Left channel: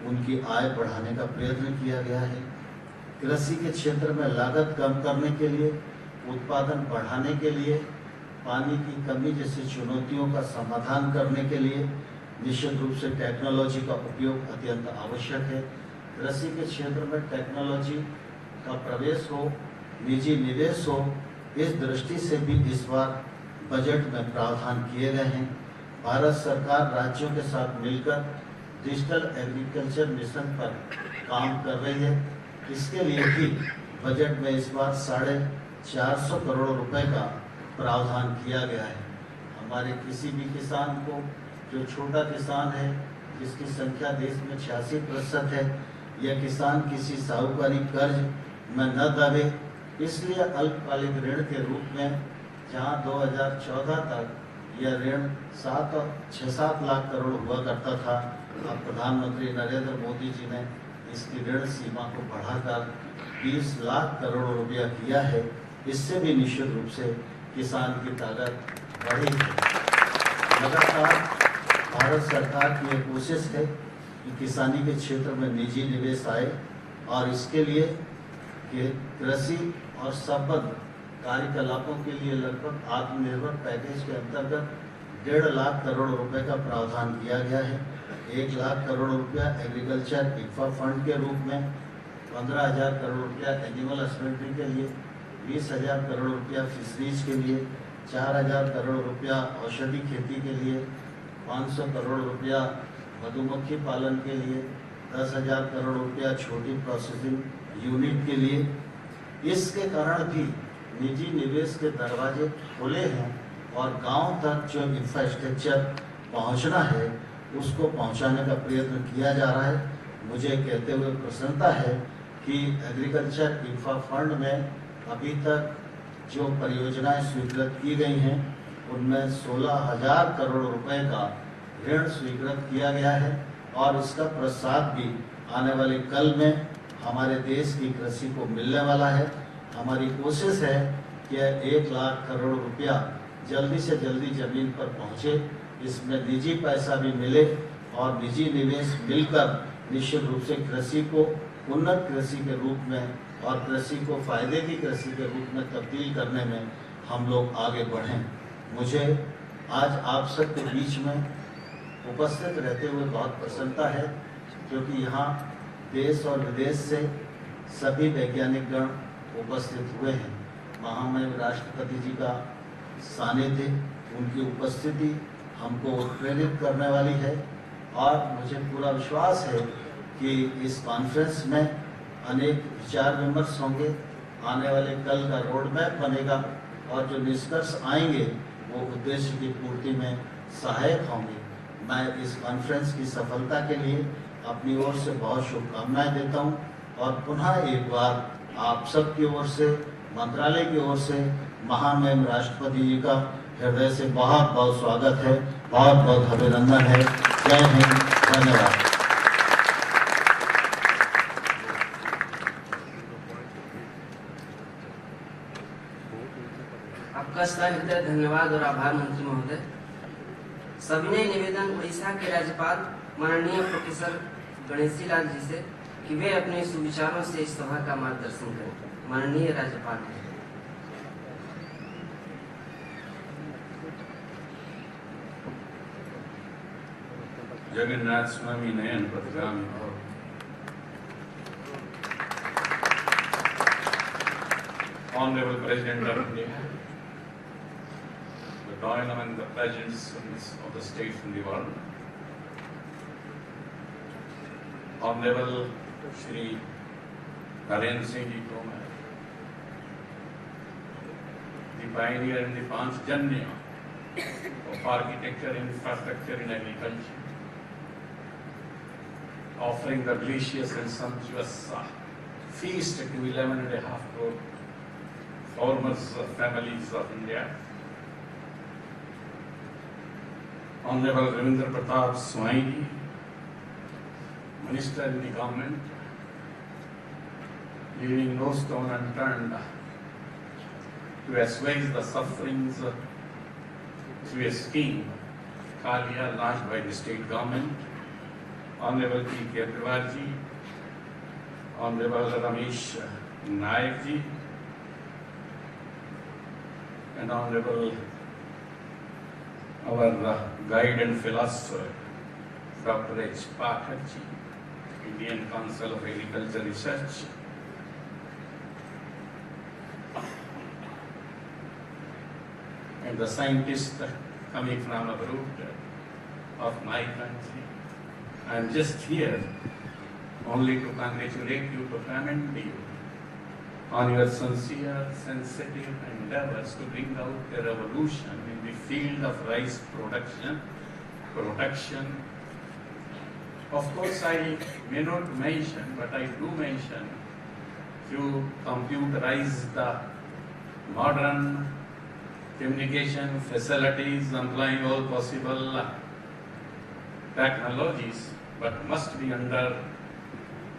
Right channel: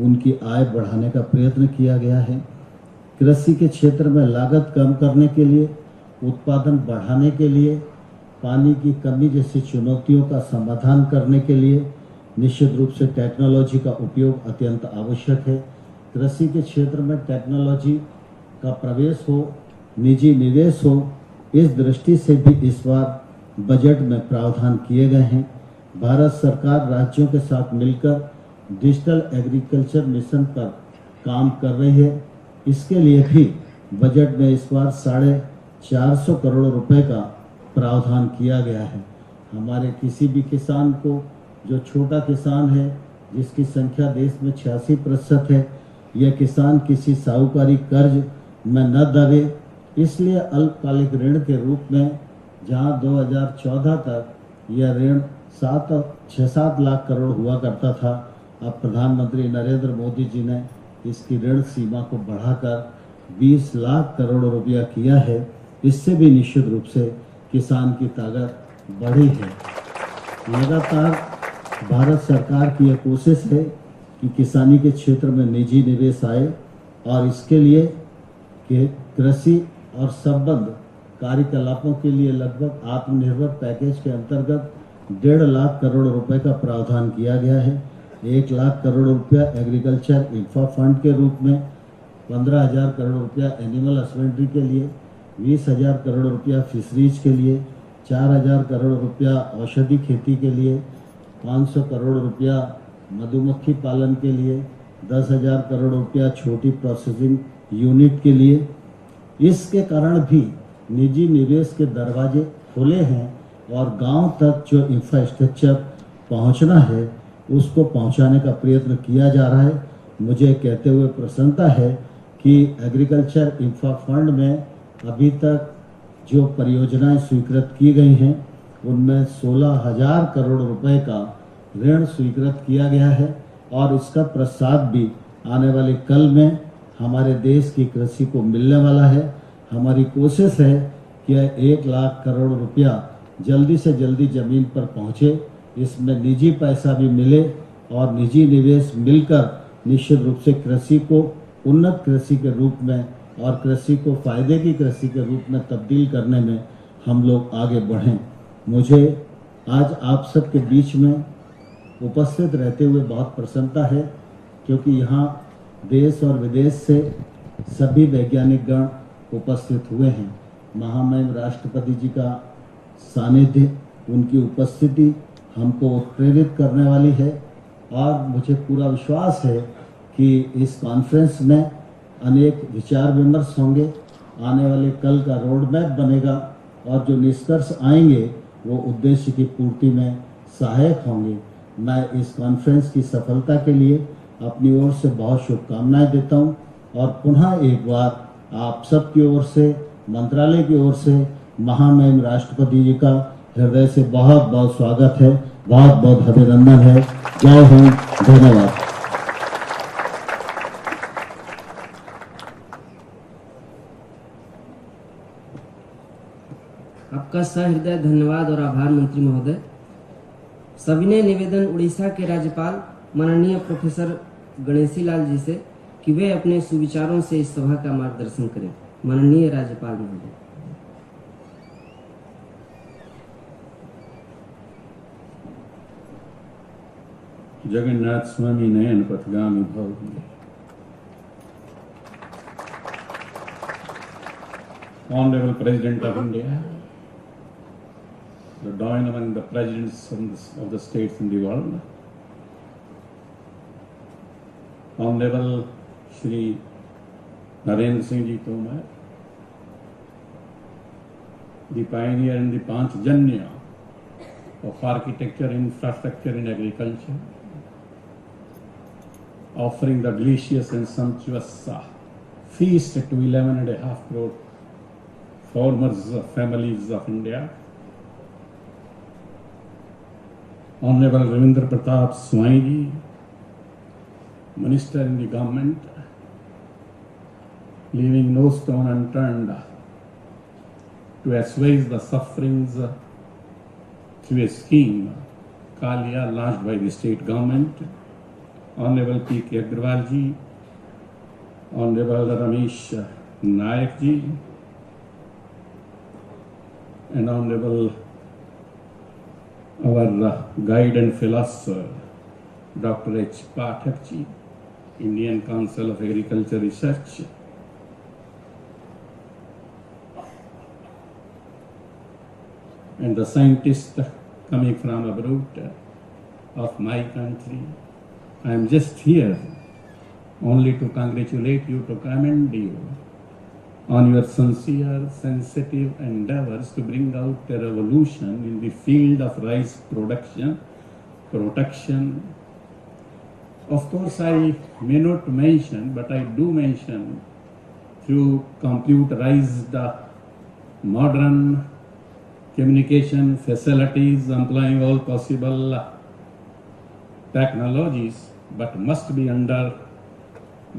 उनकी आय बढ़ाने का प्रयत्न किया गया है। कृषि के क्षेत्र में लागत कम करने के लिए, उत्पादन बढ़ाने के लिए, पानी की कमी जैसी चुनौतियों का समाधान करने के लिए निश्चित रूप से टेक्नोलॉजी का उपयोग अत्यंत आवश्यक है। कृषि के क्षेत्र में टेक्नोलॉजी का प्रवेश हो, निजी निवेश हो, इस दृष्टि से भी इस बार बजट में प्रावधान किए गए हैं। भारत सरकार राज्यों के साथ मिलकर डिजिटल एग्रीकल्चर मिशन पर काम कर रही है। इसके लिए भी बजट में इस बार 450 करोड़ रुपए का प्रावधान किया गया है। हमारे किसी भी किसान को, जो छोटा किसान है, जिसकी संख्या देश में 86% है, यह किसान किसी साहूकारी कर्ज में न दबे, इसलिए अल्पकालिक ऋण के रूप में जहां 2014 तक यह ऋण 6-7 लाख करोड़ हुआ करता था, अब प्रधानमंत्री नरेंद्र मोदी जी ने इसकी ऋण सीमा को बढ़ाकर 20 लाख करोड़ रुपया किया है। इससे भी निश्चित रूप से किसान की ताकत बढ़ी है। लगातार भारत सरकार की यह कोशिश है कि किसानी के क्षेत्र में निजी निवेश आए और इसके लिए कि कृषि और संबद्ध कार्यकलापों के लिए लगभग आत्मनिर्भर पैकेज के अंतर्गत 1.5 लाख करोड़ रुपए का प्रावधान किया गया है। 1 लाख करोड़ रुपया एग्रीकल्चर इंफ्रा फंड के रूप में, 15,000 करोड़ रुपया एनिमल हस्बेंड्री के लिए, 20,000 करोड़ रुपया फिशरीज के लिए, 4,000 करोड़ रुपया औषधि खेती के लिए, 500 करोड़ रुपया मधुमक्खी पालन के लिए, 10,000 करोड़ रुपया छोटी प्रोसेसिंग यूनिट के लिए। इसके कारण भी निजी निवेश के दरवाजे खुले हैं और गांव तक जो इंफ्रास्ट्रक्चर पहुंचना है उसको पहुंचाने का प्रयत्न किया जा रहा है। मुझे कहते हुए प्रसन्नता है कि एग्रीकल्चर इंफ्रा फंड में अभी तक जो परियोजनाएं स्वीकृत की गई हैं उनमें 16,000 करोड़ रुपए का ऋण स्वीकृत किया गया है और इसका प्रसाद भी आने वाले कल में हमारे देश की कृषि को मिलने वाला है। हमारी कोशिश है कि 1 लाख करोड़ रुपया जल्दी से जल्दी जमीन पर पहुंचे, इसमें निजी पैसा भी मिले और निजी निवेश मिलकर निश्चित रूप से कृषि को उन्नत कृषि के रूप में और कृषि को फायदे की कृषि के रूप में तब्दील करने में हम लोग आगे बढ़ें। मुझे आज आप सबके बीच में उपस्थित रहते हुए बहुत प्रसन्नता है, क्योंकि यहाँ देश और विदेश से सभी वैज्ञानिक गण उपस्थित हुए हैं। महामहिम राष्ट्रपति जी का सानिध्य, उनकी उपस्थिति हमको प्रेरित करने वाली है और मुझे पूरा विश्वास है कि इस कॉन्फ्रेंस में अनेक विचार विमर्श होंगे, आने वाले कल का रोड मैप बनेगा और जो निष्कर्ष आएंगे वो उद्देश्य की पूर्ति में सहायक होंगे। मैं इस कॉन्फ्रेंस की सफलता के लिए अपनी ओर से बहुत शुभकामनाएं देता हूं और पुनः एक बार आप सब की ओर से, मंत्रालय की ओर से महामहिम राष्ट्रपति जी का हृदय से बहुत बहुत स्वागत है, बहुत बहुत अभिनंदन है। जय हिंद, धन्यवाद। आपका सहृदय धन्यवाद और आभार मंत्री महोदय। सविनय निवेदन उड़ीसा के राज्यपाल माननीय प्रोफेसर गणेशी लाल जी से कि वे अपने सुविचारों से इस सभा का मार्गदर्शन करें। माननीय राज्यपाल महोदय। जगन्नाथ स्वामी नयन पथगामी भव। Honorable President of India, the join among the presidents of the states in the world, Honorable Shri Narendra Singh Ji Tomar, the pioneer in the Panchjanya of architecture, infrastructure and agriculture, offering the delicious and sumptuous feast to 11.5 crore farmers of families of India. Honorable Ravindra Pratap Swaigi, Minister in the government, leaving no stone unturned to assuage the sufferings through a scheme Kalia launched by the state government Honorable P. Kejriwal ji, Honorable Ramesh Naik ji, and Honorable our guide and philosopher, Dr. H. Pathak ji, Indian Council of Agriculture Research, and the scientists coming from abroad of my country. I am just here only to congratulate you, to commend you on your sincere, sensitive endeavors to bring out a revolution in the field of rice production, protection. Of course, I may not mention, but I do mention to computerize the modern communication facilities, employing all possible technologies, but must be under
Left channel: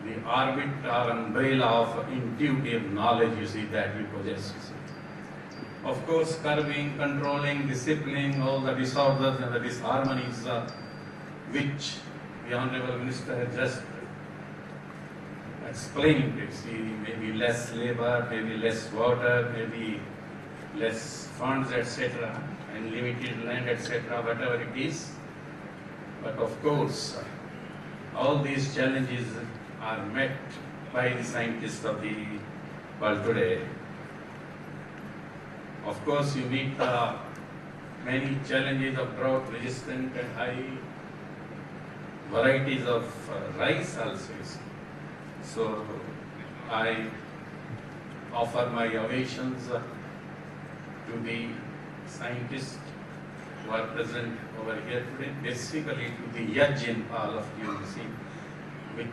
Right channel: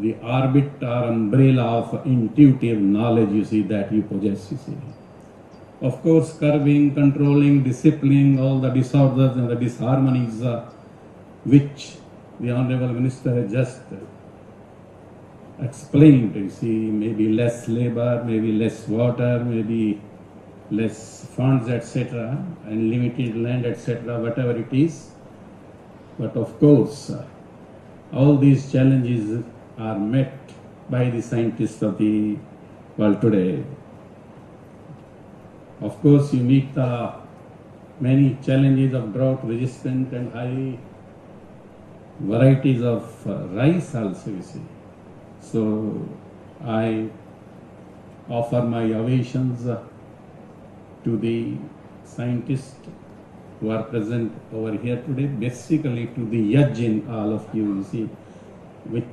the orbit or umbrella of intuitive knowledge, you see, that you possess, you see. Of course, curbing, controlling, disciplining all the disorders and the disharmonies which the Honorable Minister has just explained, you see, maybe less labor, maybe less water, maybe less funds, etc., and limited land, etc., whatever it is. But of course, all these challenges are met by the scientists of the world today. Of course, you meet many challenges of drought resistant and high varieties of rice also, you see. So I offer my ovations to the scientists who are present over here today, basically to the yaj in all of you see, which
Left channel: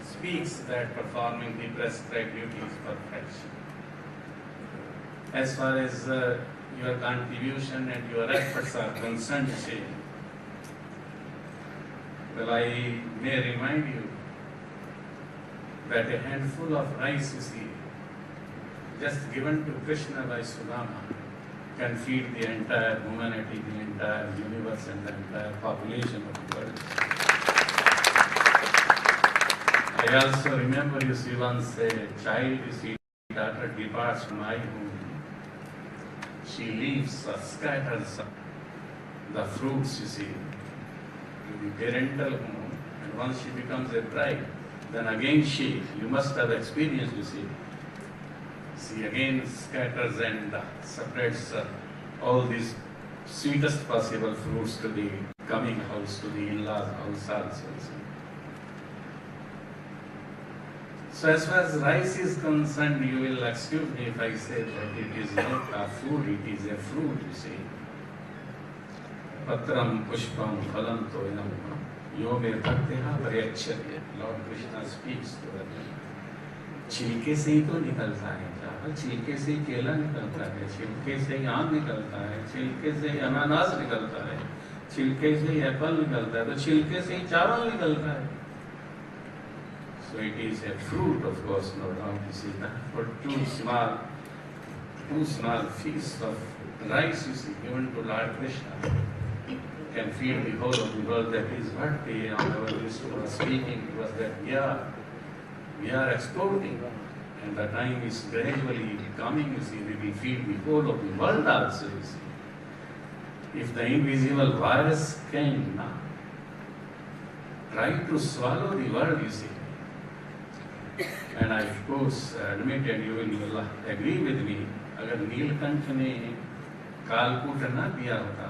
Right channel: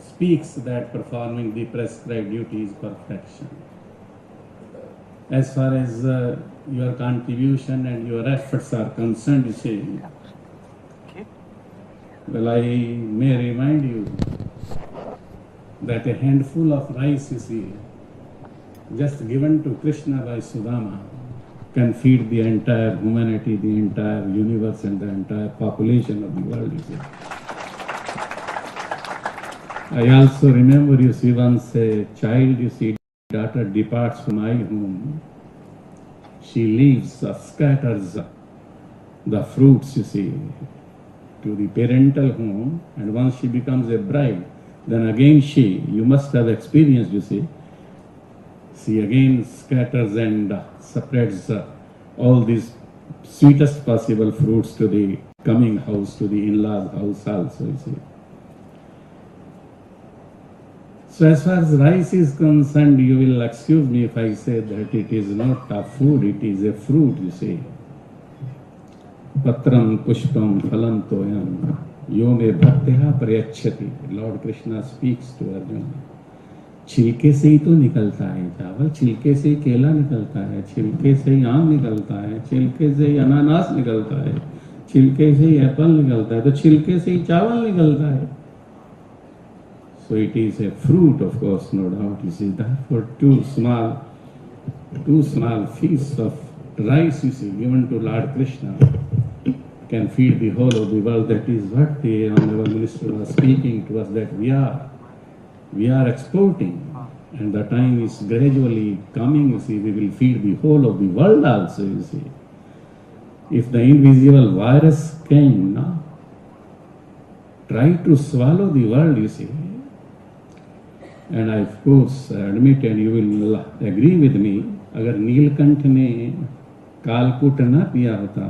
speaks that performing the prescribed duty is perfection. As far as your contribution and your efforts are concerned, you see, well, I may remind you that a handful of rice, you see, just given to Krishna by Sudama, can feed the entire humanity, the entire universe, and the entire population of the world, you see. I also remember, you see, once a child, you see, daughter departs from my home, she leaves, scatters the fruits, you see, to the parental home, and once she becomes a bride, then again you must have experience, you see, she again scatters and spreads all these sweetest possible fruits to the coming house, to the in-laws house also, you see. So as far as rice is concerned, you will excuse me if I say that it is not a food, it is a fruit, you see. Patram pushpam phalam toyam yoge bhaktiha prayakshati. Lord Krishna speaks to Arjuna. छिलके से ही तो निकलता है चावल, छिलके से ही केला निकलता है, छिलके से ही आम निकलता है, छिलके से ही अनानास निकलता है, छिलके से ही एप्पल निकलता है, तो छिलके से ही चावल निकलता है. So it is a fruit, of course, no doubt. You see, therefore two small feasts of rice, you see, given to Lord Krishna can feed the whole of the world. That is what the Honorable Minister was speaking to us, that we are exporting, and the time is gradually coming, you see, we will feed the whole of the world also, you see. If the invisible virus can try to swallow the world, you see, and I of course admit, and you will agree with me, अगर नीलकंठ ने कालकूट न पिया होता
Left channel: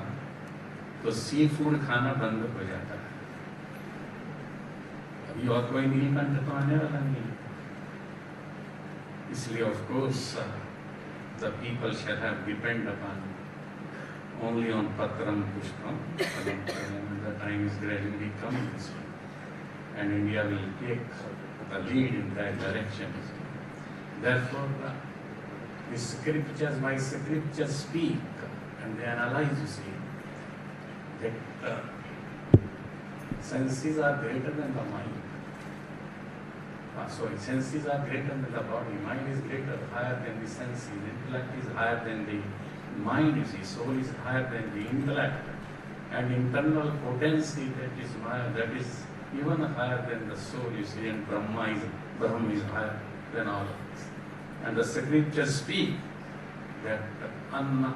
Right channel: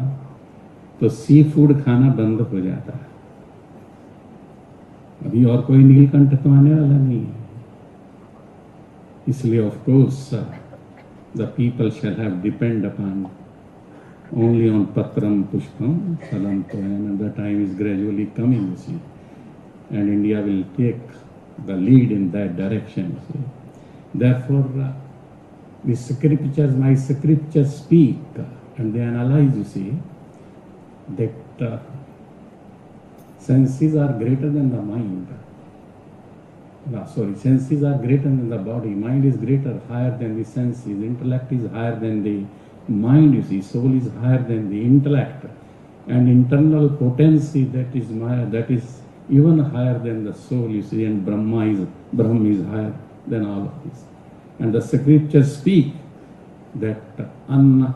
तो sea food खाना बंद हो जाता. अभी और कोई नीलकंठ तो आने वाला नहीं है, इसलिए of course the people shall have depend upon only on patram pushpam phalam toyam, and the time is gradually coming, you see, and India will take the lead in that direction. So, therefore, the scriptures, my scriptures speak and they analyze, you see, that senses are greater than the mind. Senses are greater than the body. Mind is greater, higher than the senses. Intellect is higher than the mind, you see. Soul is higher than the intellect. And internal potency, that is even higher than the soul, you see, and Brahma is higher than all of this. And the scriptures speak that Anna,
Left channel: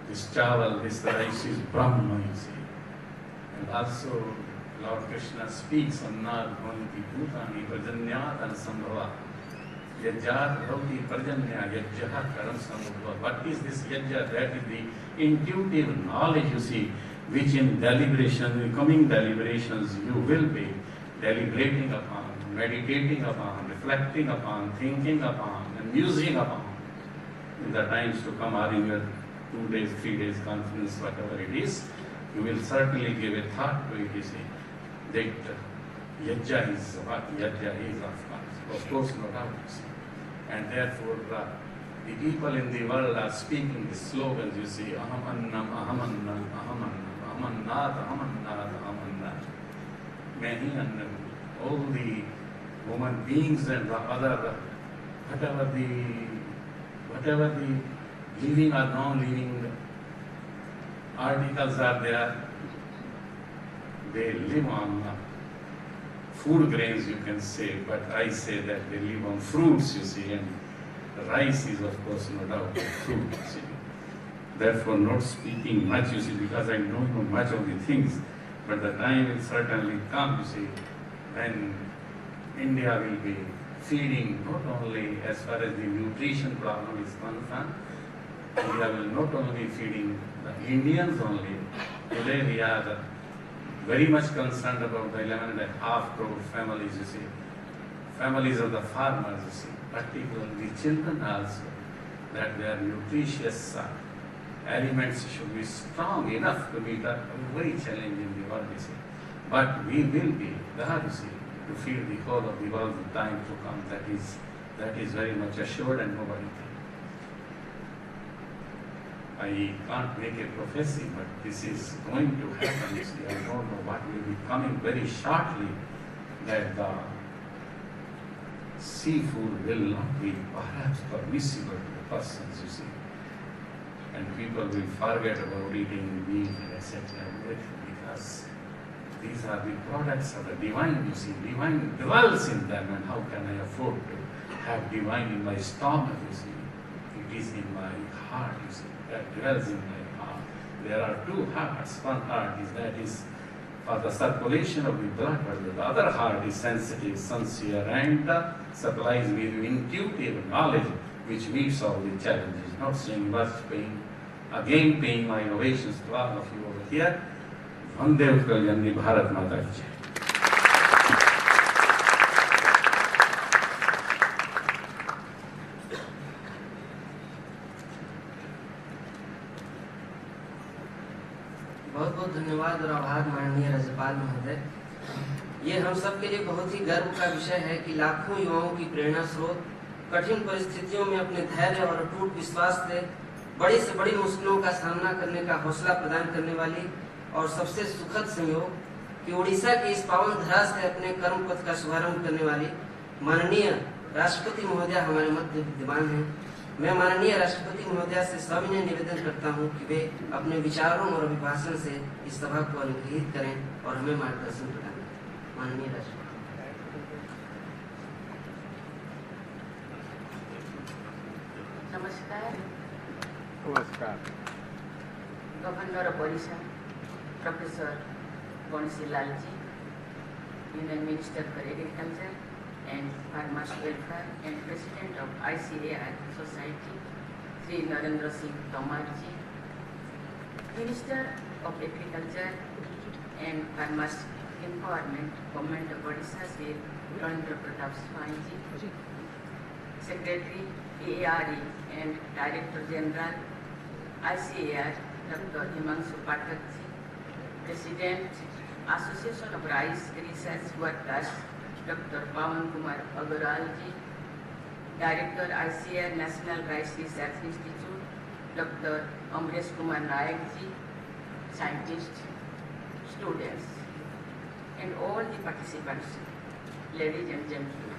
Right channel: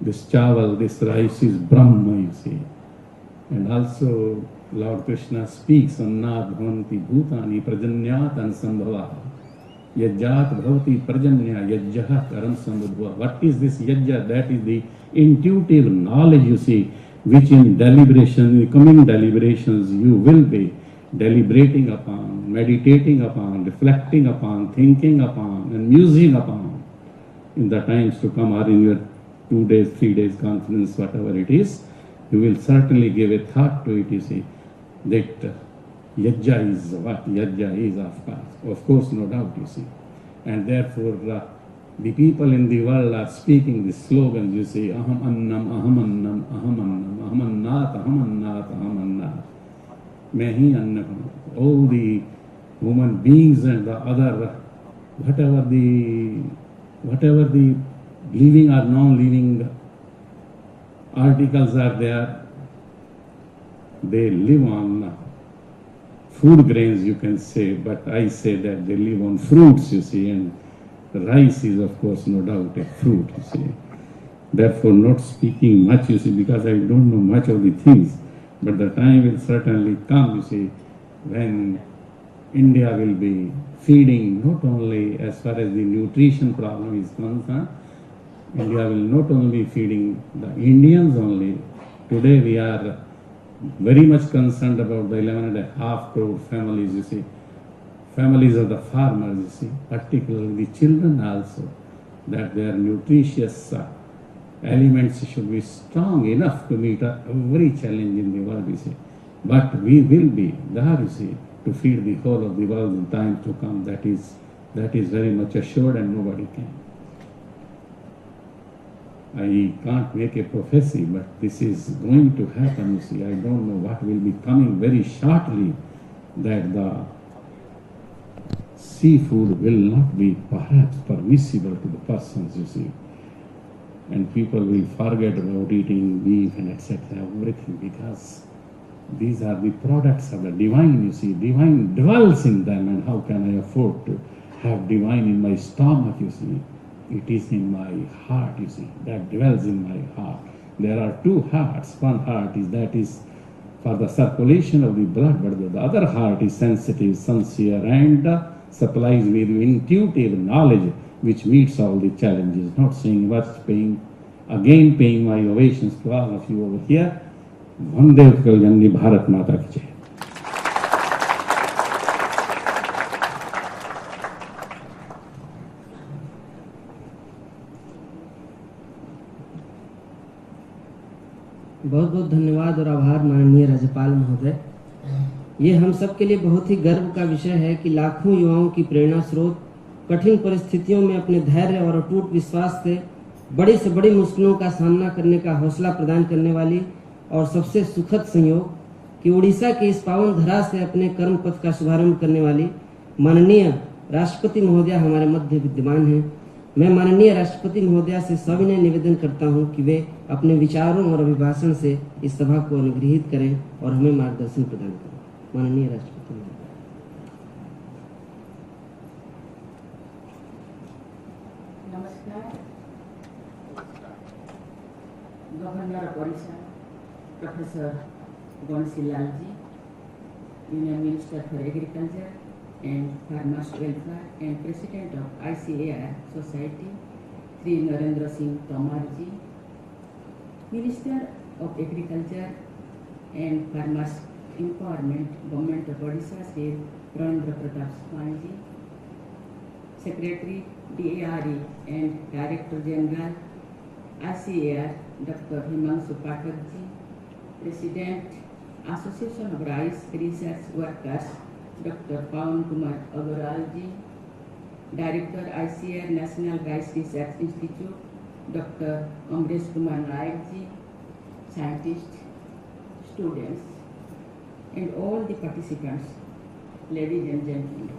this chawal, this rice is Brahma, you see. And also Lord Krishna speaks, Annad bhavanti bhutani prajanyat ansambhava. Yajjat bhavati prajanya yajjaha karam sambhava. What is this yajja? That is the intuitive knowledge, you see, which in deliberation, coming deliberations, you will be deliberating upon, meditating upon, reflecting upon, thinking upon, and musing upon in the times to come, or in your 2 days, 3 days conference, whatever it is. You will certainly give a thought to it, you see, that yajja is what? Yajja is, of course, no doubt, you see. And therefore, the people in the world are speaking these slogans, you see, aham annam, aham annam, aham annam, aham annat, aham annat, aham annat. Mahi annam. All the human beings and the other, whatever the living or non-living articles are there, they live on food grains, you can say, but I say that they live on fruits, you see, and rice is, of course, no doubt a fruit, you see. Therefore, not speaking much, you see, because I don't know much of the things, but the time will certainly come, you see, when India will be feeding not only as far as the nutrition problem is concerned, India will not only feeding the Indians only. Today we are very much concerned about the 11.5 crore families, you see, families of the farmers, you see, particularly the children also, that their nutritious elements should be strong enough to meet every challenge in the world, you see. But we will be there, you see, to feed the whole of the world in time to come. That is very much assured, and nobody can. I can't make a prophecy, but this is going to happen, you see. I don't know what will be coming very shortly, that the seafood will not be perhaps permissible to the persons, you see. And people will forget about eating meat and etc., everything, because these are the products of the divine, you see. Divine dwells in them, and how can I afford to have divine in my stomach, you see? It is in my heart, you see, that dwells in my heart. There are two hearts. One heart is for the circulation of the blood, but the other heart is sensitive, sincere, and supplies with intuitive knowledge which meets all the challenges. Not saying worth paying, again paying my ovations to all of you over here. Vande Janani Bharat Mata ki Jai. बहुत बहुत धन्यवाद और आभार माननीय राज्यपाल महोदय। ये हम सब के लिए बहुत ही गर्व का विषय है कि लाखों युवाओं की प्रेरणा स्रोत कठिन परिस्थितियों में अपने धैर्य और अटूट विश्वास से बड़ी से बड़ी मुश्किलों का सामना करने का हौसला प्रदान करने वाली और सबसे सुखद संयोग कि उड़ीसा के इस पावन धरा से अपने कर्म पथ का शुभारंभ करने वाली माननीय राष्ट्रपति महोदया हमारे मध्य विद्यमान हैं। मैं माननीय राष्ट्रपति महोदया से सविनय निवेदन करता हूं कि वे अपने विचारों और अभिभाषण से इस सभा को अनुग्रहित करें और हमें मार्गदर्शन प्रदान करें। माननीय राष्ट्रपति। नमस्कार। Governor of Odisha professor Ganeshi Lal ji, union minister for agriculture and Farmers Welfare and President of ICAR Society, Sri Narendra Singh Tamar ji, Minister of Agriculture and Farmers Empowerment, Government of Odisha, Sri Narendra Pratap Swami ji, Secretary DARE and Director General ICAR, Dr. Himanshu Pathak ji, President Association of Rice Research Workers, Dr. Pawan Kumar Agarwal ji, Director ICAR National Rice Research Institute, Dr. Amresh Kumar Nayak ji, scientists, students, and all the participants, ladies and gentlemen.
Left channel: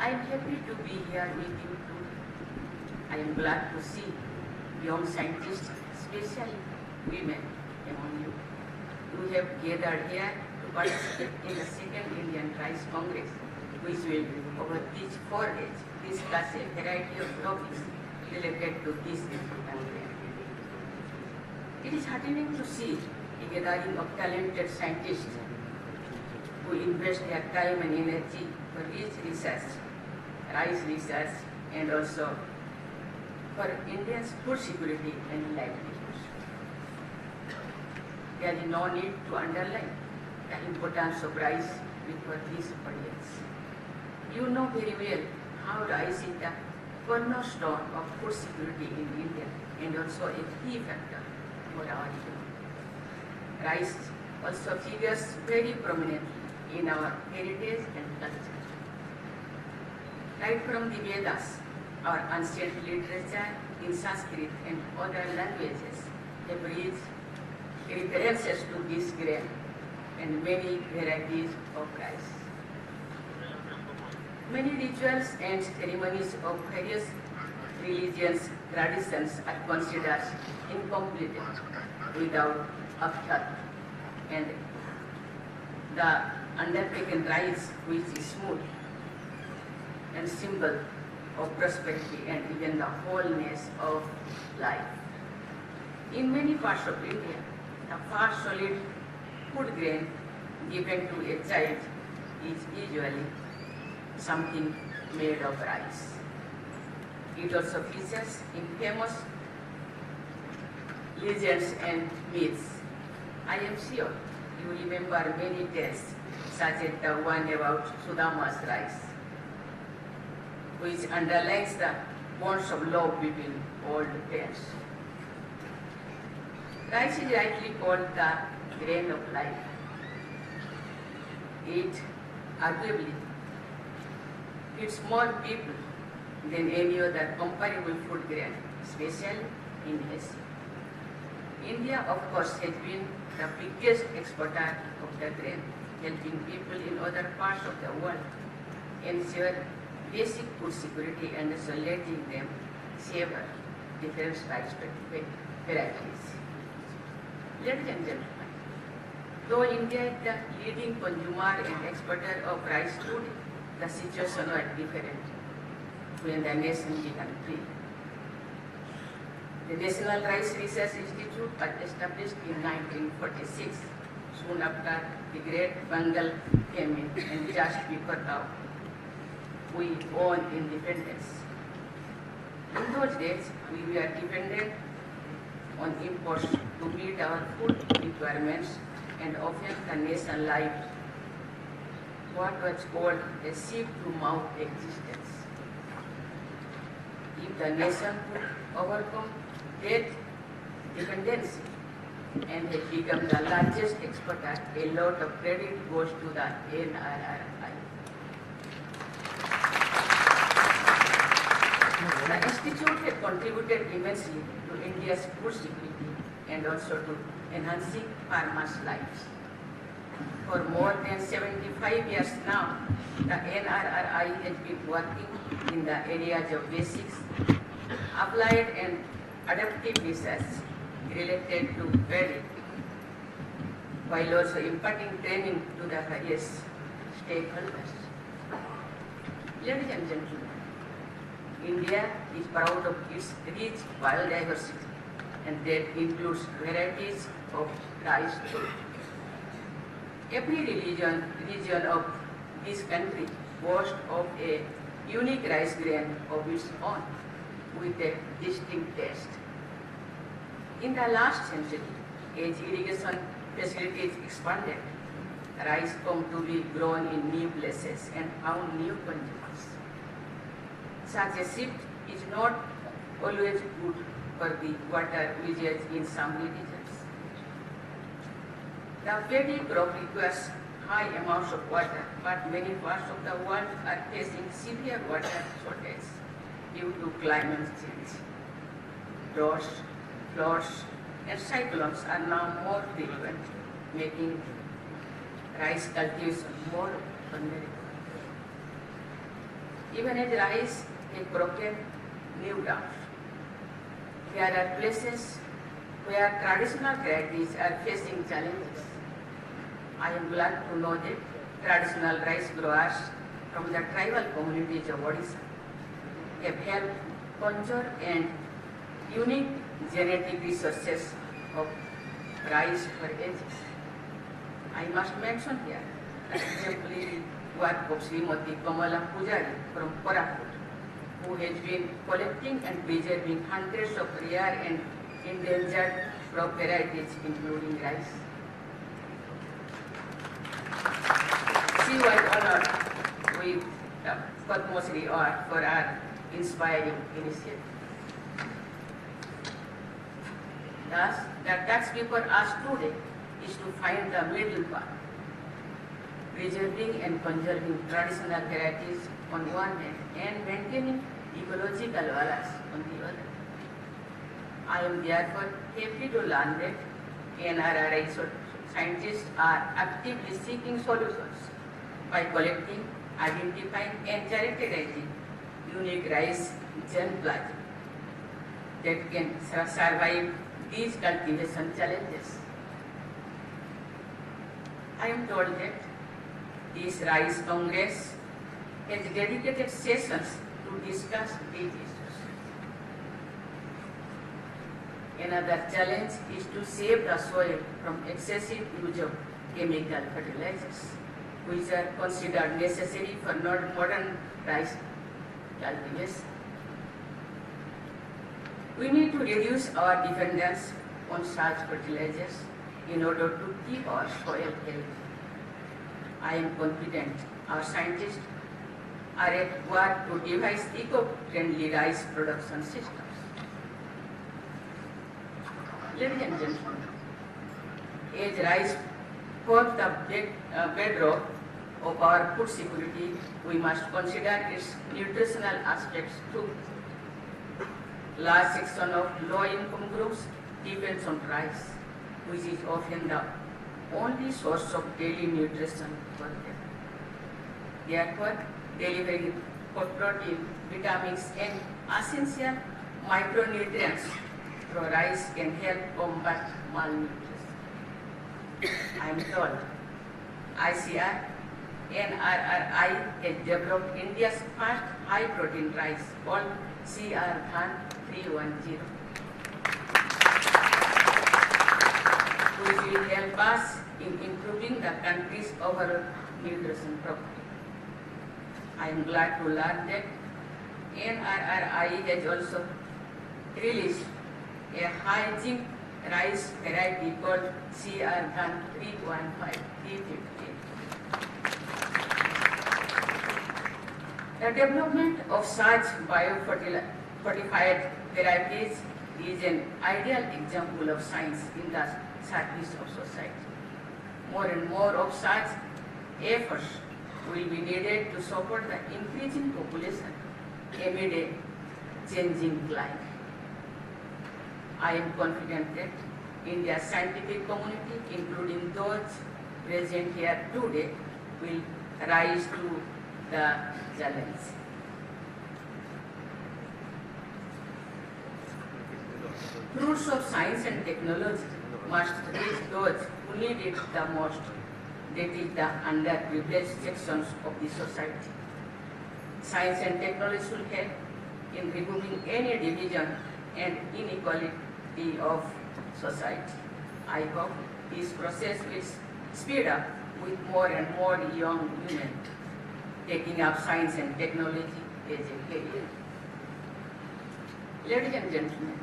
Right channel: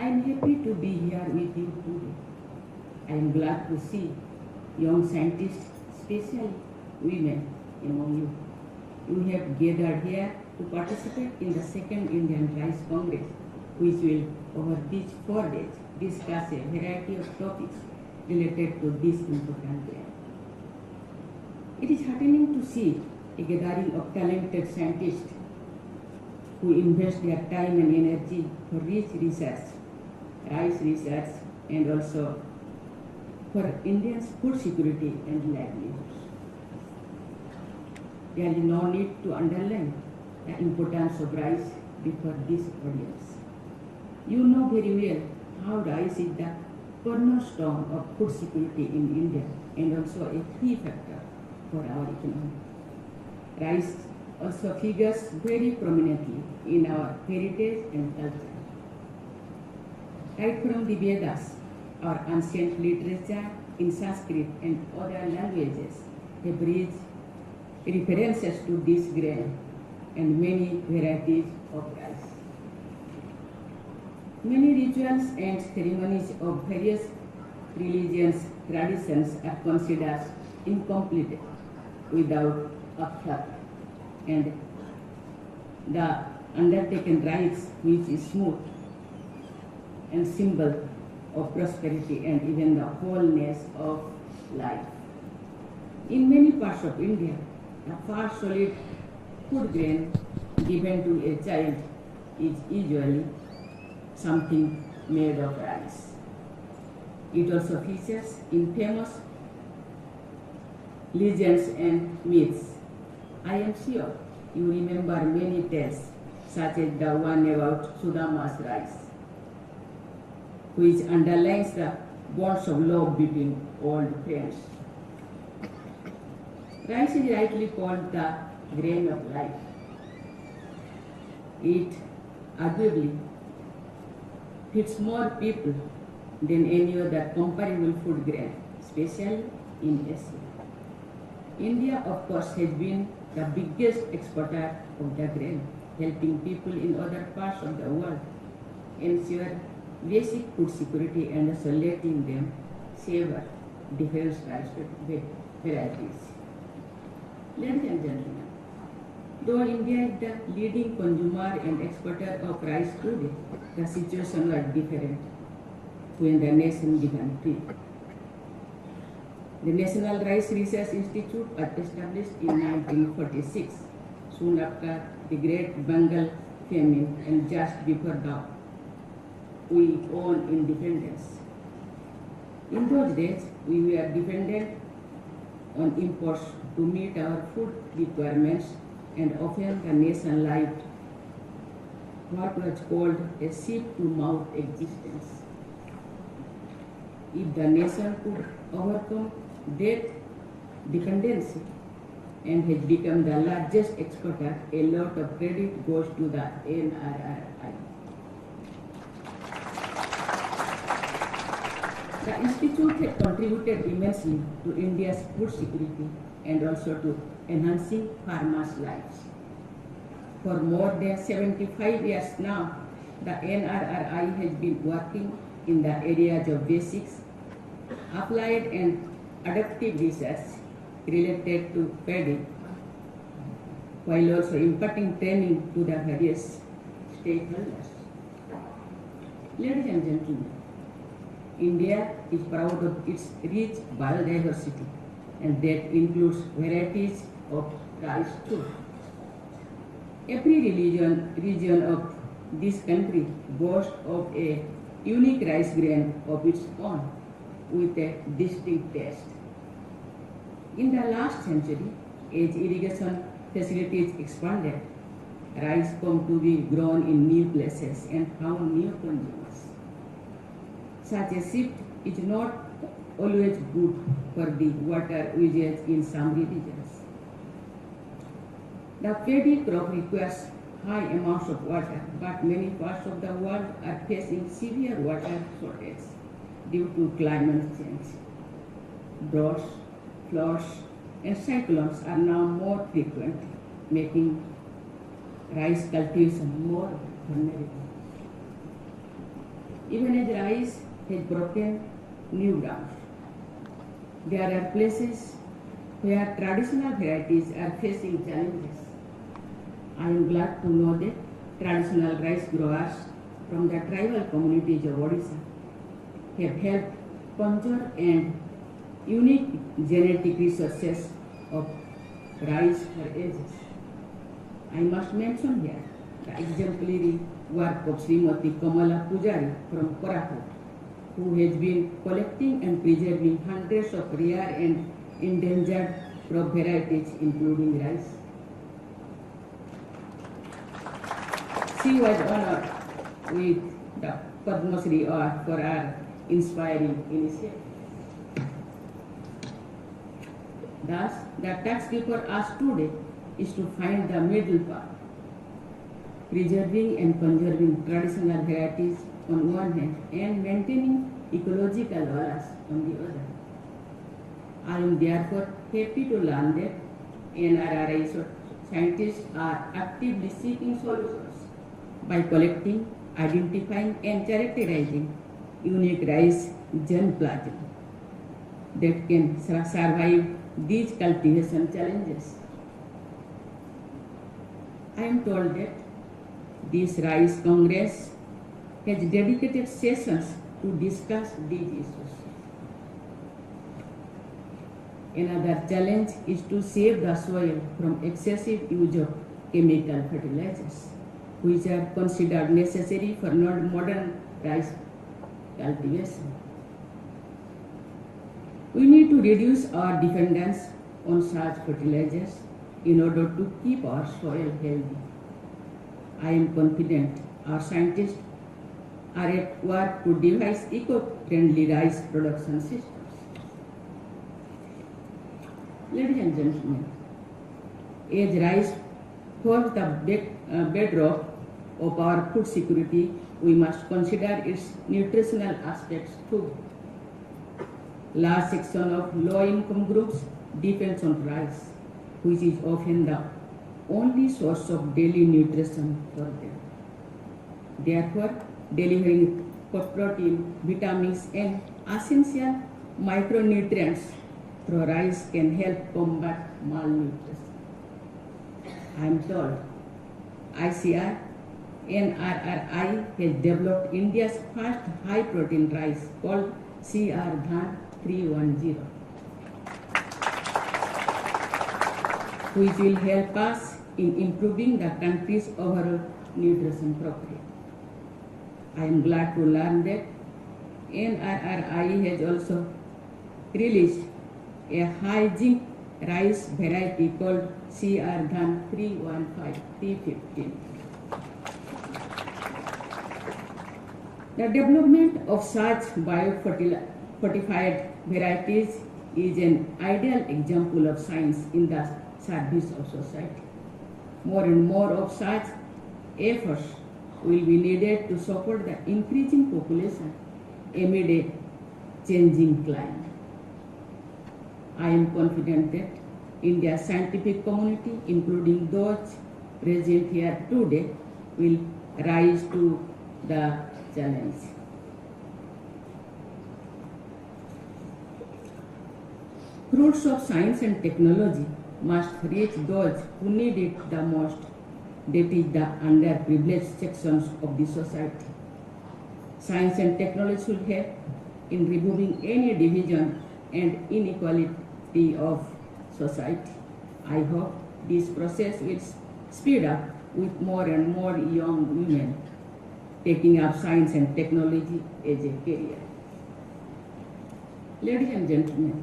I am happy to be here with you today. I am glad to see young scientists, especially women among you. You have gathered here to participate in the second Indian Rice Congress, which will, over these 4 days, discuss a variety of topics related to this important grain. It is heartening to see a gathering of talented scientists who invest their time and energy for rich research, rice research, and also for India's food security and livelihoods. There is no need to underline the importance of rice before this audience. You know very well how rice is the cornerstone of food security in India and also a key factor for our economy. Rice also figures very prominently in our heritage and culture. Right from the Vedas, our ancient literature in Sanskrit and other languages have rich references to this grain and many varieties of rice. Many rituals and ceremonies of various religions traditions are considered incomplete without akshat, and the undertaken rites, which is smooth and symbol of prosperity and even the wholeness of life. In many parts of India, the first solid food grain given to a child is usually something made of rice. It also features in famous legends and myths. I am sure you remember many tales, such as the one about Sudama's rice, which underlines the bonds of love between old friends. Rice is rightly called the grain of life. It arguably feeds more people than any other comparable food grain, especially in Asia. India, of course, has been the biggest exporter of the grain, helping people in other parts of the world ensure basic food security and also letting them savor different rice varieties. Ladies and gentlemen, though India is the leading consumer and exporter of rice today, the situation was different when the nation began free. The National Rice Research Institute was established in 1946, soon after the Great Bengal famine and just before we won independence. In those days, we were dependent on imports to meet our food requirements, and often the nation lived what was called a sheep-to-mouth existence. If the nation could overcome that dependency and has become the largest exporter, a lot of credit goes to the NRRI. The Institute has contributed immensely to India's food security and also to enhancing farmers' lives. For more than 75 years now, the NRRI has been working in the areas of basics, applied and adaptive research related to paddy, while also imparting training to the various stakeholders. Ladies and gentlemen, India is proud of its rich biodiversity, and that includes varieties of rice too. Every region of this country boasts of a unique rice grain of its own with a distinct taste. In the last century, as irrigation facilities expanded, rice came to be grown in new places and found new consumers. Such a shift is not always good for the water usage in some regions. The paddy crop requires high amounts of water, but many parts of the world are facing severe water shortage due to climate change. Droughts, floods, and cyclones are now more frequent, making rice cultivation more vulnerable. Even as rice has broken new ground, there are places where traditional varieties are facing challenges. I am glad to know that traditional rice growers from the tribal communities of Odisha have helped conserve and unique genetic resources of rice for ages. I must mention here the exemplary work of Srimati Kamala Pujari from Koraput, who has been collecting and preserving hundreds of rare and endangered crop varieties, including rice. She was honored with the Padma Shri Award for her inspiring initiative. Thus, the task before us today is to find the middle path, preserving and conserving traditional varieties on one hand and maintaining ecological balance on the other. I am therefore happy to learn that NRRI scientists are actively seeking solutions by collecting, identifying and characterizing unique rice germplasm that can survive these cultivation challenges. I am told that this Rice Congress has dedicated sessions to discuss these issues. Another challenge is to save the soil from excessive use of chemical fertilizers, which are considered necessary for modern rice cultivation. We need to reduce our dependence on such fertilizers in order to keep our soil healthy. I am confident our scientists are at work to devise eco-friendly rice production systems. Ladies and gentlemen, as rice forms the bedrock of our food security, we must consider its nutritional aspects too. Large section of low-income groups depends on rice, which is often the only source of daily nutrition for them. Therefore, delivering protein, vitamins, and essential micronutrients through rice can help combat malnutrition. I am told ICR NRRI has developed India's first high-protein rice called CR Dhan 310, which will help us in improving the country's overall nutrition profile. I am glad to learn that NRRI has also released a high zinc rice variety called CR Dhan 315. The development of such biofortified varieties is an ideal example of science in the service of society. More and more of such efforts will be needed to support the increasing population amid a changing climate. I am confident that India's scientific community, including those present here today, will rise to the challenge. Fruits of science and technology must reach those who need it the most, that is the underprivileged sections of the society. Science and technology should help in removing any division and inequality of society. I hope this process will speed up with more and more young women taking up science and technology as a career. Ladies and gentlemen,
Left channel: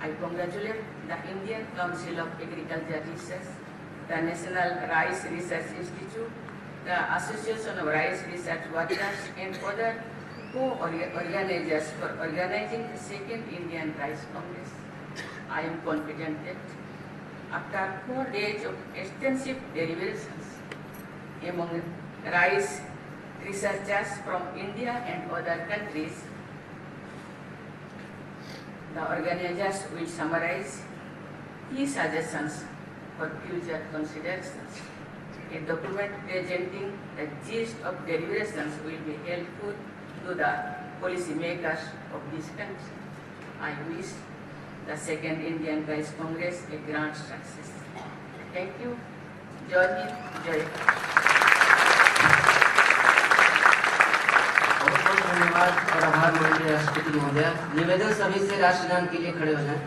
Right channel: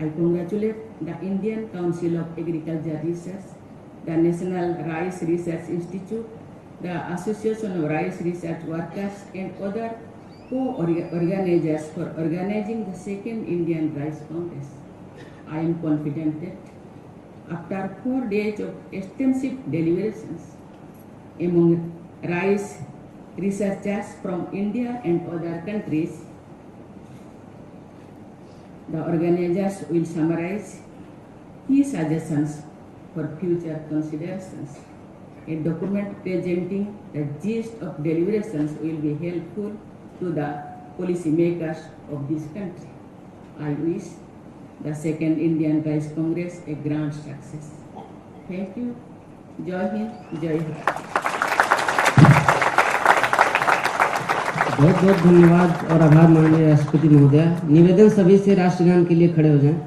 I congratulate the Indian Council of Agriculture Research, the National Rice Research Institute, the Association of Rice Research Workers, and other co-organizers for organizing the second Indian Rice Congress. I am confident that after 4 days of extensive deliberations among rice researchers from India and other countries, the organizers will summarize key suggestions for future considerations. A document presenting the gist of deliberations will be helpful to the policy makers of this country. I wish the second Indian Rice Congress a grand success. Thank you. जय हिंद, जय भारत। बहुत बहुत धन्यवाद और आभार माननीय राष्ट्रपति महोदया। निवेदन सभी से राष्ट्रगान के लिए खड़े हो जाएं।